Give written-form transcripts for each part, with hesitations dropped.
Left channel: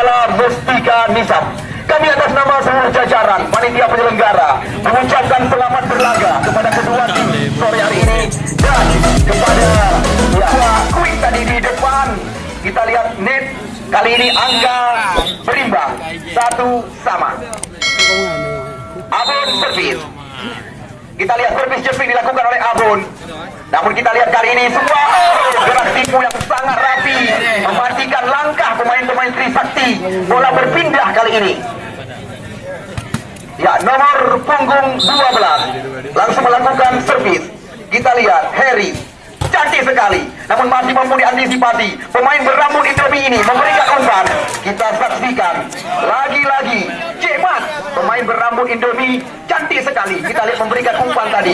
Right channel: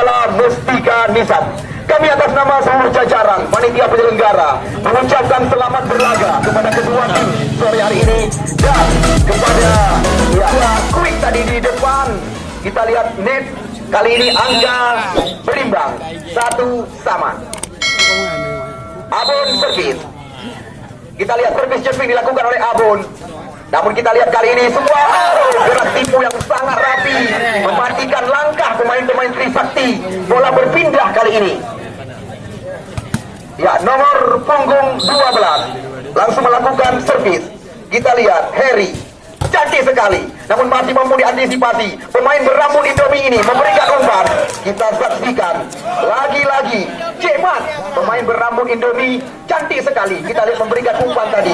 adalah Mustika Nisam. Kami atas nama seluruh jajaran panitia penyelenggara mengucapkan selamat berlaga kepada kedua tim sore hari ini dan kepada Quick tadi di depan. Kita lihat net kali ini angka berimbang 1-1. Abon servis. Kita lihat servis jumping dilakukan oleh Abon. Namun kita lihat kali ini semua gerak tipu yang sangat rapi mematikan langkah pemain-pemain Trisakti. Bola berpindah kali ini. Ya, nomor punggung 12 langsung melakukan servis. Kita lihat Harry, cantik sekali, namun masih mampu diantisipasi. Pemain berambut Indomie ini memberikan umpan. Kita saksikan lagi-lagi Cemat, pemain berambut Indomie, cantik sekali. Kita lihat memberikan umpan tadi.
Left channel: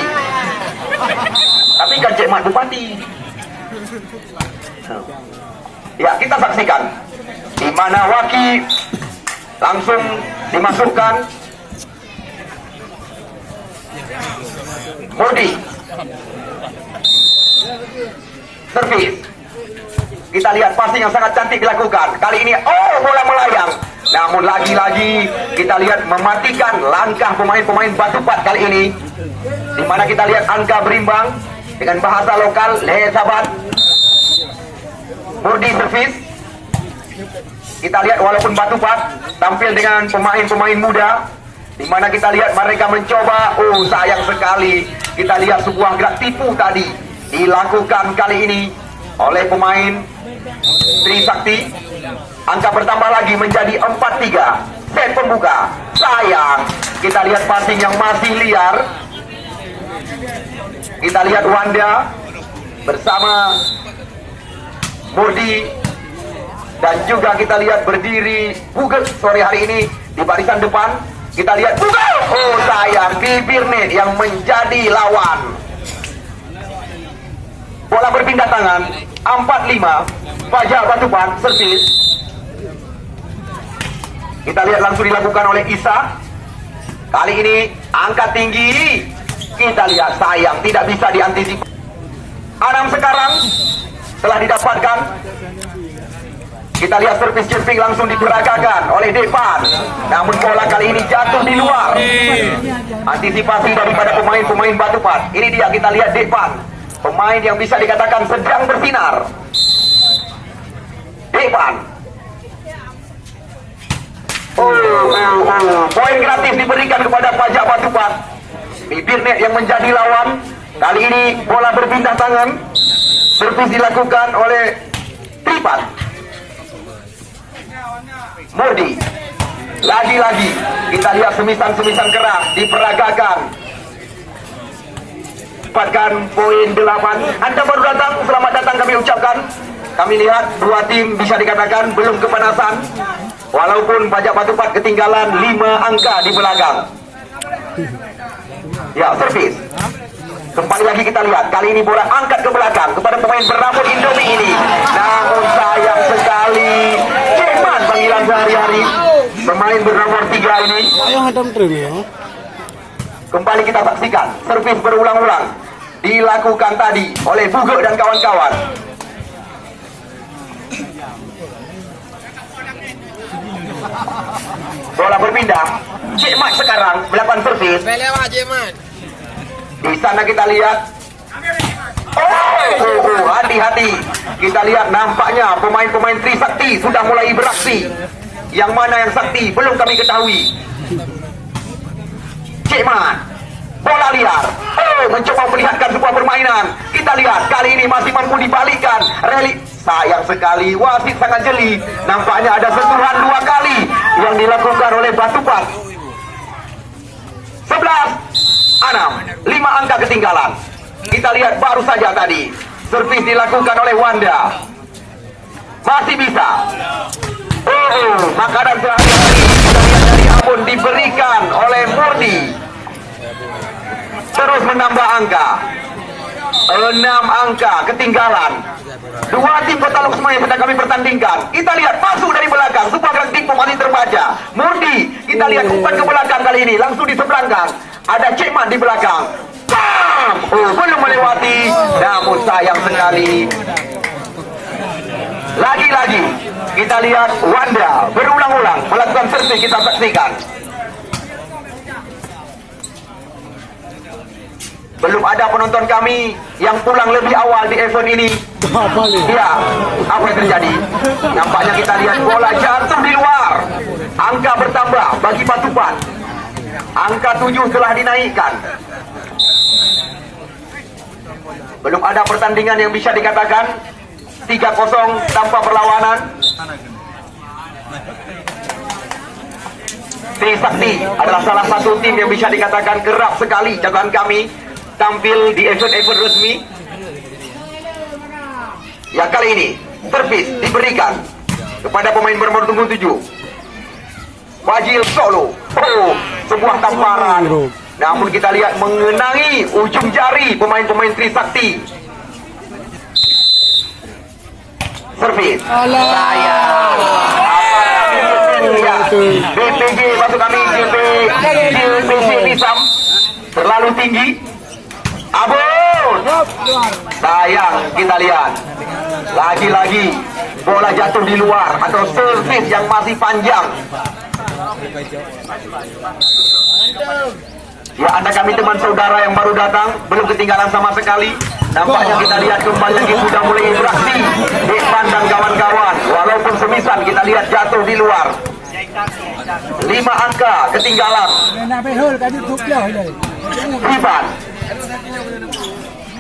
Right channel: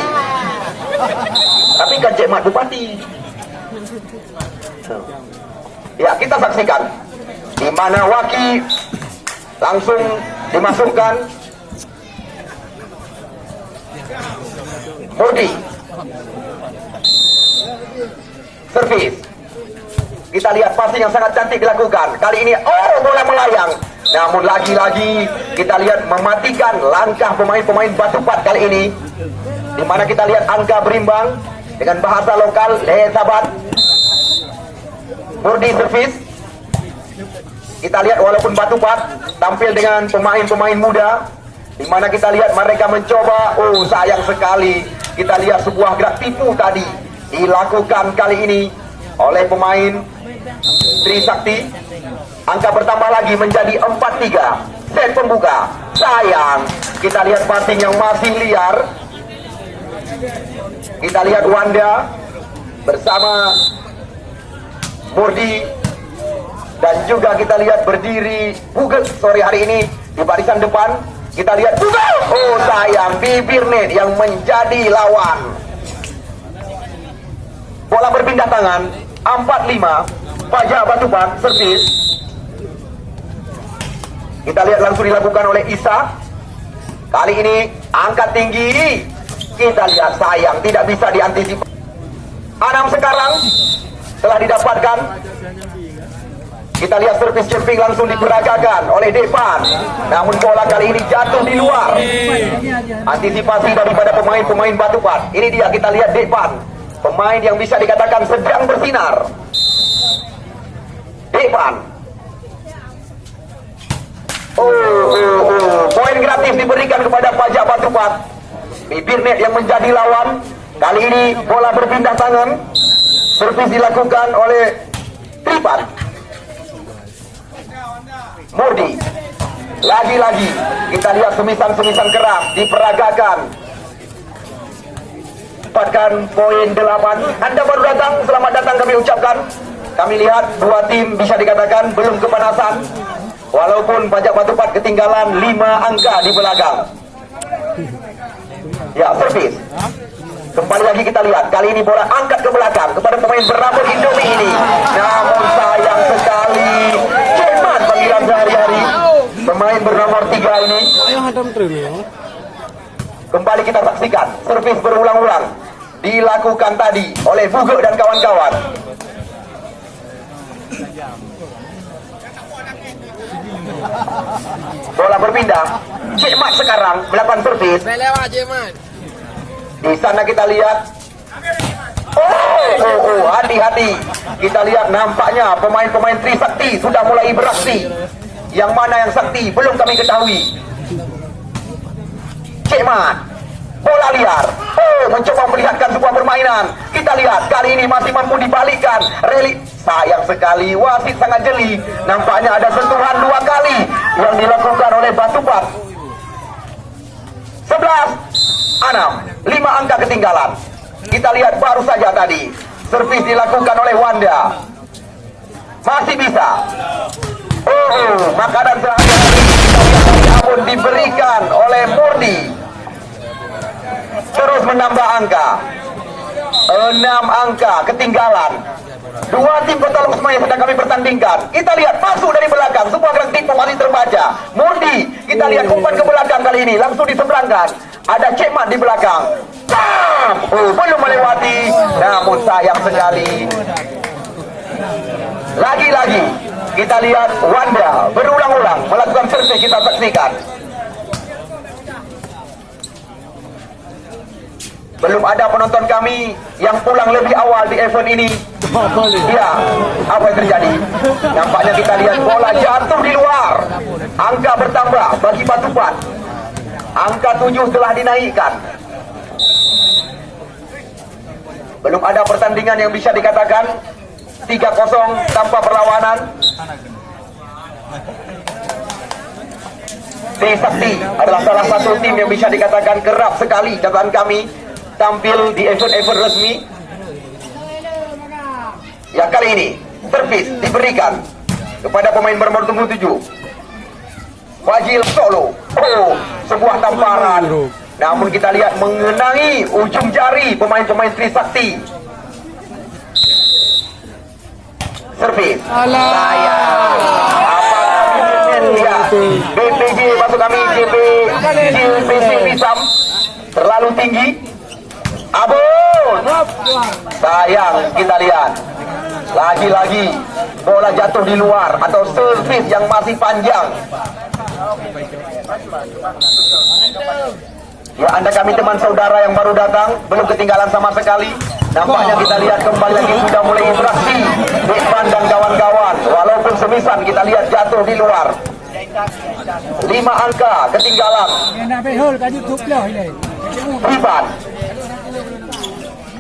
Tapi kan Cemat Bupati. Ya, kita saksikan di mana Waki langsung dimasukkan. Murdi servis. Kita lihat passing yang sangat cantik dilakukan. Kali ini bola melayang. Namun lagi-lagi kita lihat mematikan langkah pemain-pemain Batupat kali ini. Di mana kita lihat angka berimbang dengan bahasa lokal sahabat. Murdi servis. Kita lihat walaupun Batupat tampil dengan pemain-pemain muda, di mana kita lihat mereka mencoba. Sayang sekali. Kita lihat sebuah gerak tipu tadi dilakukan kali ini oleh pemain Trisakti. Angka bertambah lagi menjadi 4-3. Set pembuka. Sayang. Kita lihat passing yang masih liar. Kita lihat Wanda bersama Murdi. Dan juga kita lihat berdiri Buget sore hari ini di barisan depan. Kita lihat Buget. Sayang, bibir net yang menjadi lawan. Bola berpindah tangan. 4-5. Fajar Batupat servis. Kita lihat langsung dilakukan oleh Isa. Kali ini angkat tinggi. Kita lihat sayang tidak bisa diantisipasi. Anam sekarang telah didapatkan. Kita lihat servis jumping langsung diperagakan oleh Depan. Namun bola kali ini jatuh di luar. Antisipasi daripada pemain-pemain Batupat. Ini dia, kita lihat Depan, pemain yang bisa dikatakan sedang bersinar. Depan. Poin gratis diberikan kepada Pajak Batupat. Bibir net yang menjadi lawan. Kali ini bola berpindah tangan. Servis dilakukan oleh Tripat. Murdi. Lagi-lagi kita lihat semisan-semisan keras diperagakan. Dapatkan poin 8. Anda baru datang, selamat datang kami ucapkan. Kami lihat dua tim bisa dikatakan belum kepanasan. Walaupun Pajak Batupat ketinggalan 5 angka di belakang. Ya, servis. Kembali lagi kita lihat. Kali ini bola angkat ke belakang kepada pemain berambut Indomie ini. Namun sayang sekali. Cepat panggilan sehari-hari. Pemain bernomor 3 ini. Kembali kita saksikan. Servis berulang-ulang dilakukan tadi oleh Buge dan kawan-kawan. Bola berpindah. Cemat sekarang melakukan servis. Di sana kita lihat. Hati-hati. Kita lihat nampaknya pemain-pemain Trisakti sudah mulai beraksi. Yang mana yang sakti belum kami ketahui. Cemat. Bola liar. Mencoba melihatkan sebuah permainan. Kita lihat kali ini masih mampu dibalikkan. Relik. Sayang sekali. Wasit sangat jeli. Nampaknya ada sentuhan 2 kali yang dilakukan oleh Batupat. 11-6. 5 angka ketinggalan. Kita lihat baru saja tadi servis dilakukan oleh Wanda. Masih bisa. Makanan sehari-hari kita lihat dari Abun diberikan oleh Murdi. Terus menambah angka. 6 angka ketinggalan. 2 tim Kota Loksma yang sedang kami pertandingkan. Kita lihat masuk dari belakang. Sebuah gerak tipu masih terbaca. Murdi. Kita lihat umpan ke belakang kali ini. Langsung diseberangkan. Ada Cemat di belakang. Belum melewati. Namun sayang sekali. Lagi-lagi kita lihat Wanda berulang. selesai kita saksikan. Belum ada penonton kami yang pulang lebih awal di event ini. Ya, apa yang terjadi? Nampaknya kita lihat bola jatuh di luar. Angka bertambah bagi Batupat. Angka 7 telah dinaikkan. Belum ada pertandingan yang bisa dikatakan 3-0 tanpa perlawanan. Trisakti adalah salah satu tim yang bisa dikatakan kerap sekali catatan kami tampil di event-event resmi. Yang kali ini servis diberikan kepada pemain bernomor 7 Fajil Solo. Oh, sebuah tamparan. Namun kita lihat mengenai ujung jari pemain-pemain Trisakti. Servis sayang. BPJ maksud kami JPC Pisam terlalu tinggi. Abun, sayang, kita lihat lagi-lagi bola jatuh di luar atau servis yang masih panjang. Ya, anda kami teman saudara yang baru datang belum ketinggalan sama sekali. Nampaknya kita lihat kembali lagi sudah mulai beraksi Ivan dan kawan-kawan. Walaupun semisan kita lihat jatuh di luar. 5 angka ketinggalan. Ivan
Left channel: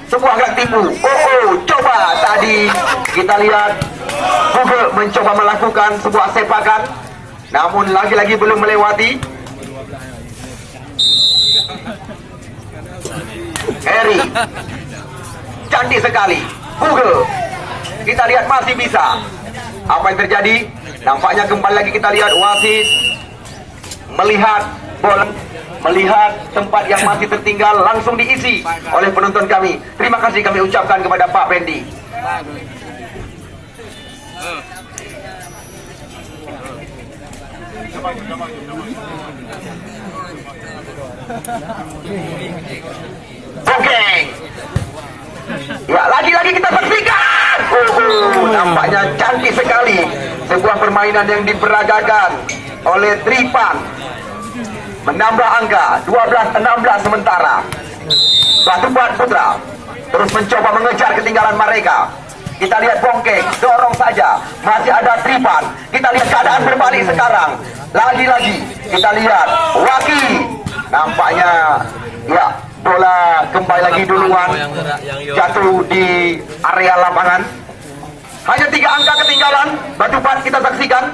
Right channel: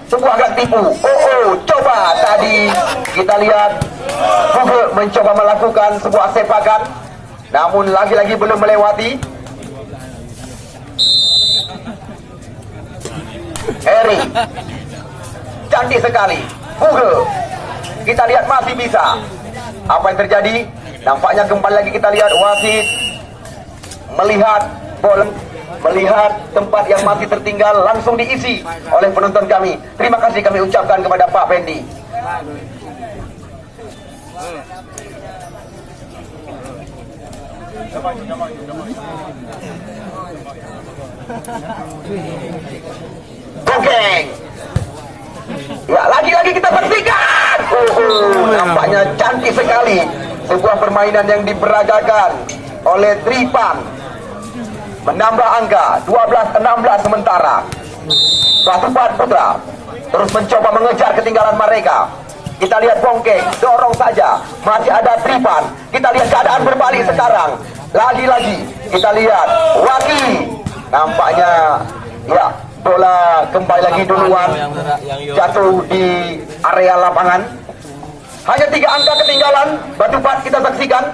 sungguh agak tipu. Coba tadi kita lihat Hugo mencoba melakukan sebuah sepakan, namun lagi-lagi belum melewati. Harry cantik sekali. Hugo kita lihat masih bisa. Apa yang terjadi? Nampaknya kembali lagi kita lihat wasit melihat bola, melihat tempat yang masih tertinggal langsung diisi oleh penonton kami. Terima kasih kami ucapkan kepada Pak Pendi. Oke. Ya, lagi-lagi kita saksikan. Nampaknya cantik sekali sebuah permainan yang diperagakan oleh Tripan. Menambah angka 12-16 sementara. Batupat Putra terus mencoba mengejar ketinggalan mereka. Kita lihat Bongkeng dorong saja, masih ada Tripan. Kita lihat keadaan berbalik sekarang. Lagi-lagi kita lihat Waki. Nampaknya ya, bola kembali lagi duluan jatuh di area lapangan. Hanya 3 angka ketinggalan. Batupat kita saksikan.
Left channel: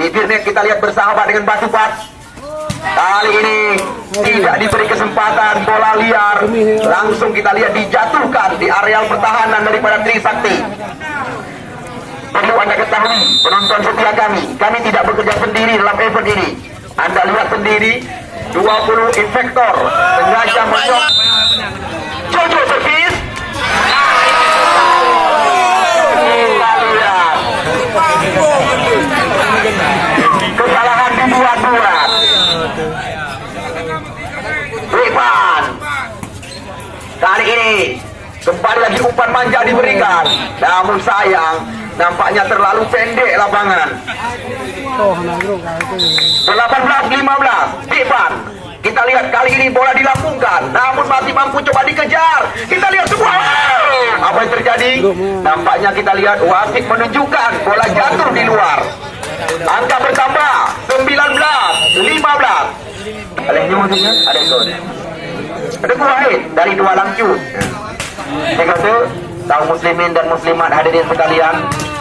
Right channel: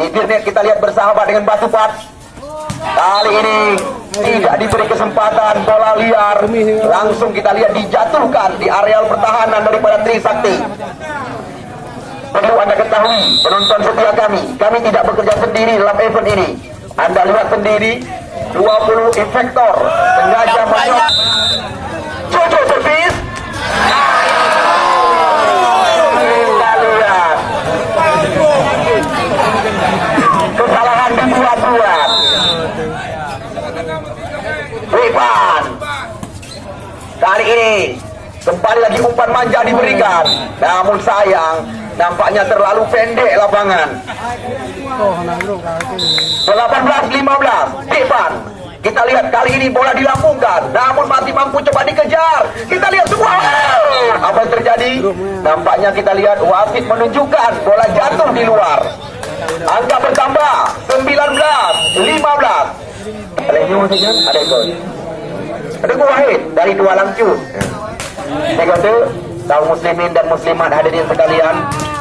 Bibirnya kita lihat bersahabat dengan Batupat. Kali ini tidak diberi kesempatan, bola liar langsung kita lihat dijatuhkan di areal pertahanan daripada Trisakti. Perlu anda ketahui, penonton setia kami tidak bekerja sendiri dalam event ini. Anda lihat sendiri 20 infektor sengaja menyok. Jojo servis. Kesalahan dibuat-buat. Ivan kali ini kembali lagi umpan manja diberikan, namun sayang nampaknya terlalu pendek lapangan. 18-15 Ivan. Kita lihat kali ini bola dilambungkan, namun masih mampu coba dikejar. Kita lihat semua. Apa yang terjadi? Nampaknya kita lihat wasit menunjukkan bola jatuh di luar. Angka bertambah 19-15. Ada nyuruh saja, ada gol. Ada gol Wahid dari 2 langcut. Saya kata, kaum muslimin dan muslimat hadirin sekalian,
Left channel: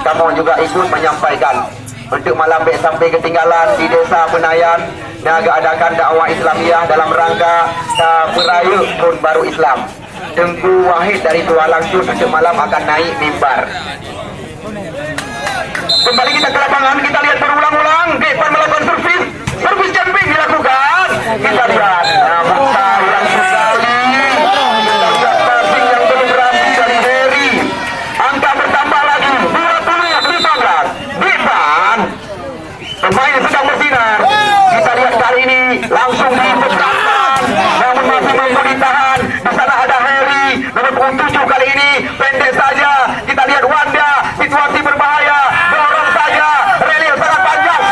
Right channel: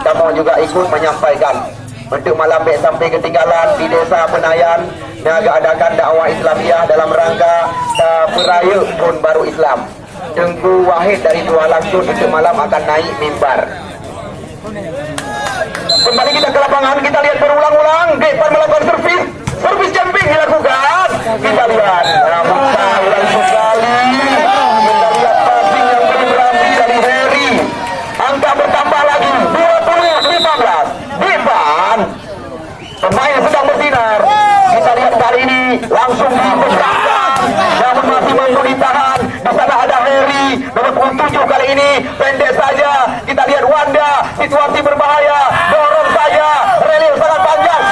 kamu juga ikut menyampaikan untuk malam baik sampai ketinggalan di Desa Penayan Niaga adakan dakwah Islamiah dalam rangka Peraya Tahun Baru Islam. Tengku Wahid dari 2 langcut untuk malam akan naik mimbar. Kembali kita ke lapangan, kita lihat berulang-ulang Depan melakukan servis jumping dilakukan. Kita lihat sayang sekali. Kita lihat passing yang belum berhasil dari Harry. Angka bertambah lagi 20-15. Depan pemain sedang bersinar. Kita lihat kali ini langsung dipecahkan, namun masih mampu ditahan. Di sana ada Harry nomor 7 kali ini pendek saja. Kita lihat Wanda, situasi berbahaya, dorong saja, relil sangat panjang.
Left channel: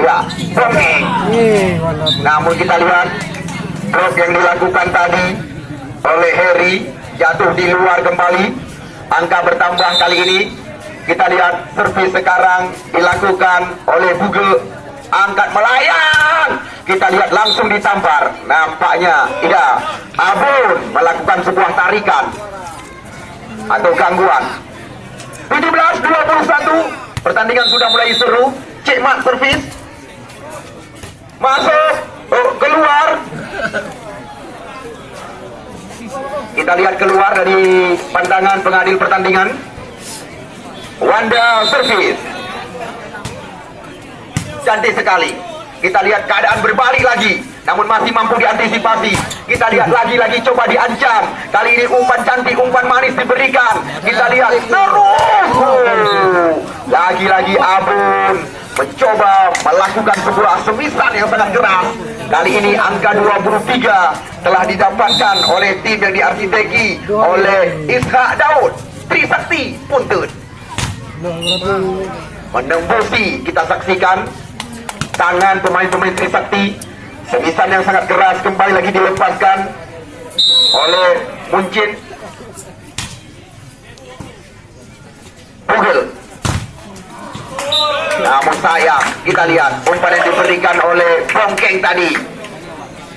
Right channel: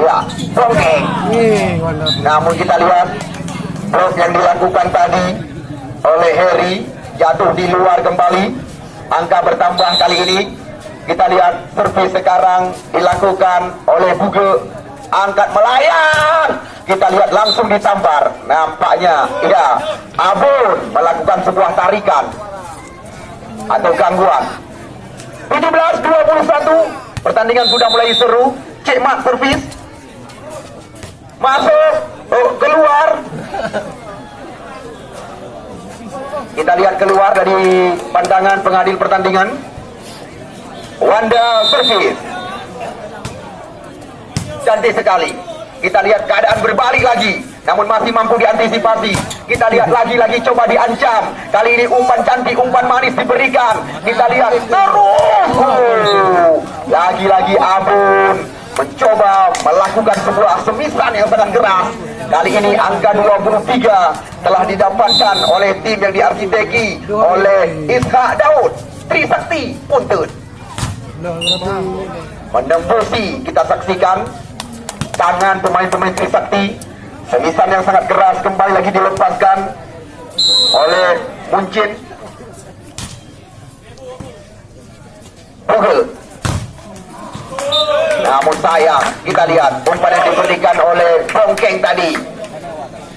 Ya, Bongkeng. Namun kita lihat blok yang dilakukan tadi oleh Harry jatuh di luar kembali. Angka bertambah kali ini. Kita lihat servis sekarang dilakukan oleh Buge. Angkat melayang. Kita lihat langsung ditampar. Nampaknya ya, Abun melakukan sebuah tarikan atau gangguan. 17-21. Pertandingan sudah mulai seru. Cik Mat servis. Masuk. Oh, keluar. Kita lihat keluar dari pandangan pengadil pertandingan. Wanda servis. Cantik sekali. Kita lihat keadaan berbalik lagi, namun masih mampu diantisipasi. Kita lihat lagi-lagi coba diancam. Kali ini umpan cantik, umpan manis diberikan. Kita lihat terus. Lagi-lagi Abun mencoba melakukan sebuah semisan yang sangat keras. Kali ini angka 23 telah didapatkan oleh tim yang diarsiteki oleh Ishak Daud. Trisakti Puntut menembusi, kita saksikan tangan pemain-pemain Trisakti. Semisan yang sangat keras kembali lagi dilepaskan oleh Muncin. Pugel. Namun sayang, kita lihat umpan yang diberikan oleh Bongkeng tadi.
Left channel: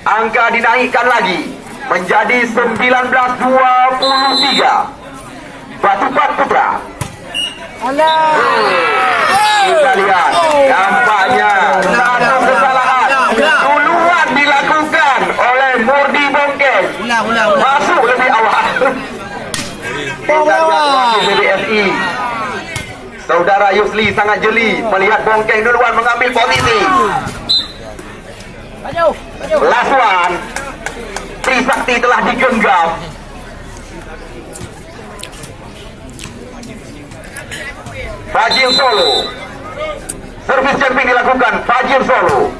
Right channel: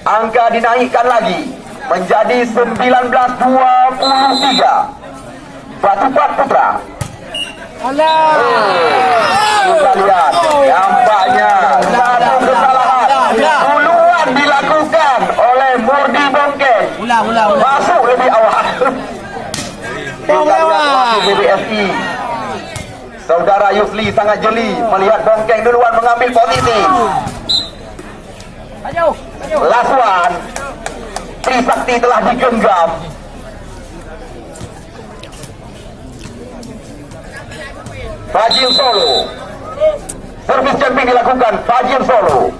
Angka dinaikkan lagi menjadi 19-23. Batupat Putra. Kita lihat nampaknya satu kesalahan duluan dilakukan oleh Murdi Bongkeng. Masuk lebih awal. Kita lihat BBSI. Saudara Yusli sangat jeli melihat Bongkeng duluan mengambil posisi. Last one. Trisakti telah digenggam. Fajil Solo. Servis jumping dilakukan Fajil Solo.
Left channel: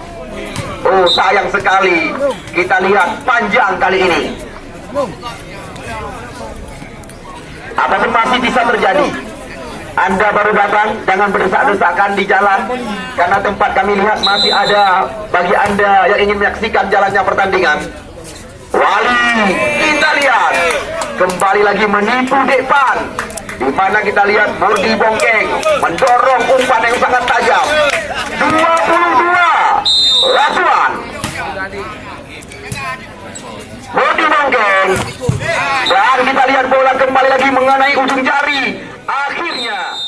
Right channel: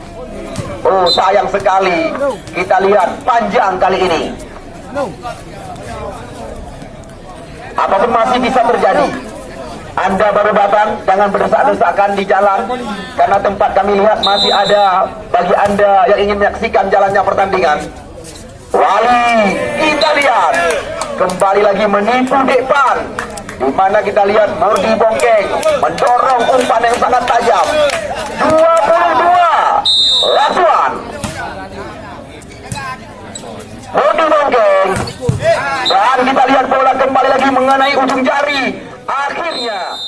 Oh, sayang sekali. Kita lihat panjang kali ini. Apapun masih bisa terjadi. Anda baru datang, jangan berdesak-desakan di jalan, karena tempat kami lihat masih ada bagi Anda yang ingin menyaksikan jalannya pertandingan. Wali, kita lihat kembali lagi menipu depan, di mana kita lihat Murdi Bongkeng mendorong umpan yang sangat tajam. 22 Rasuan. Murdi Bongkeng, dan kita lihat bola kembali lagi mengenai ujung jari. Akhirnya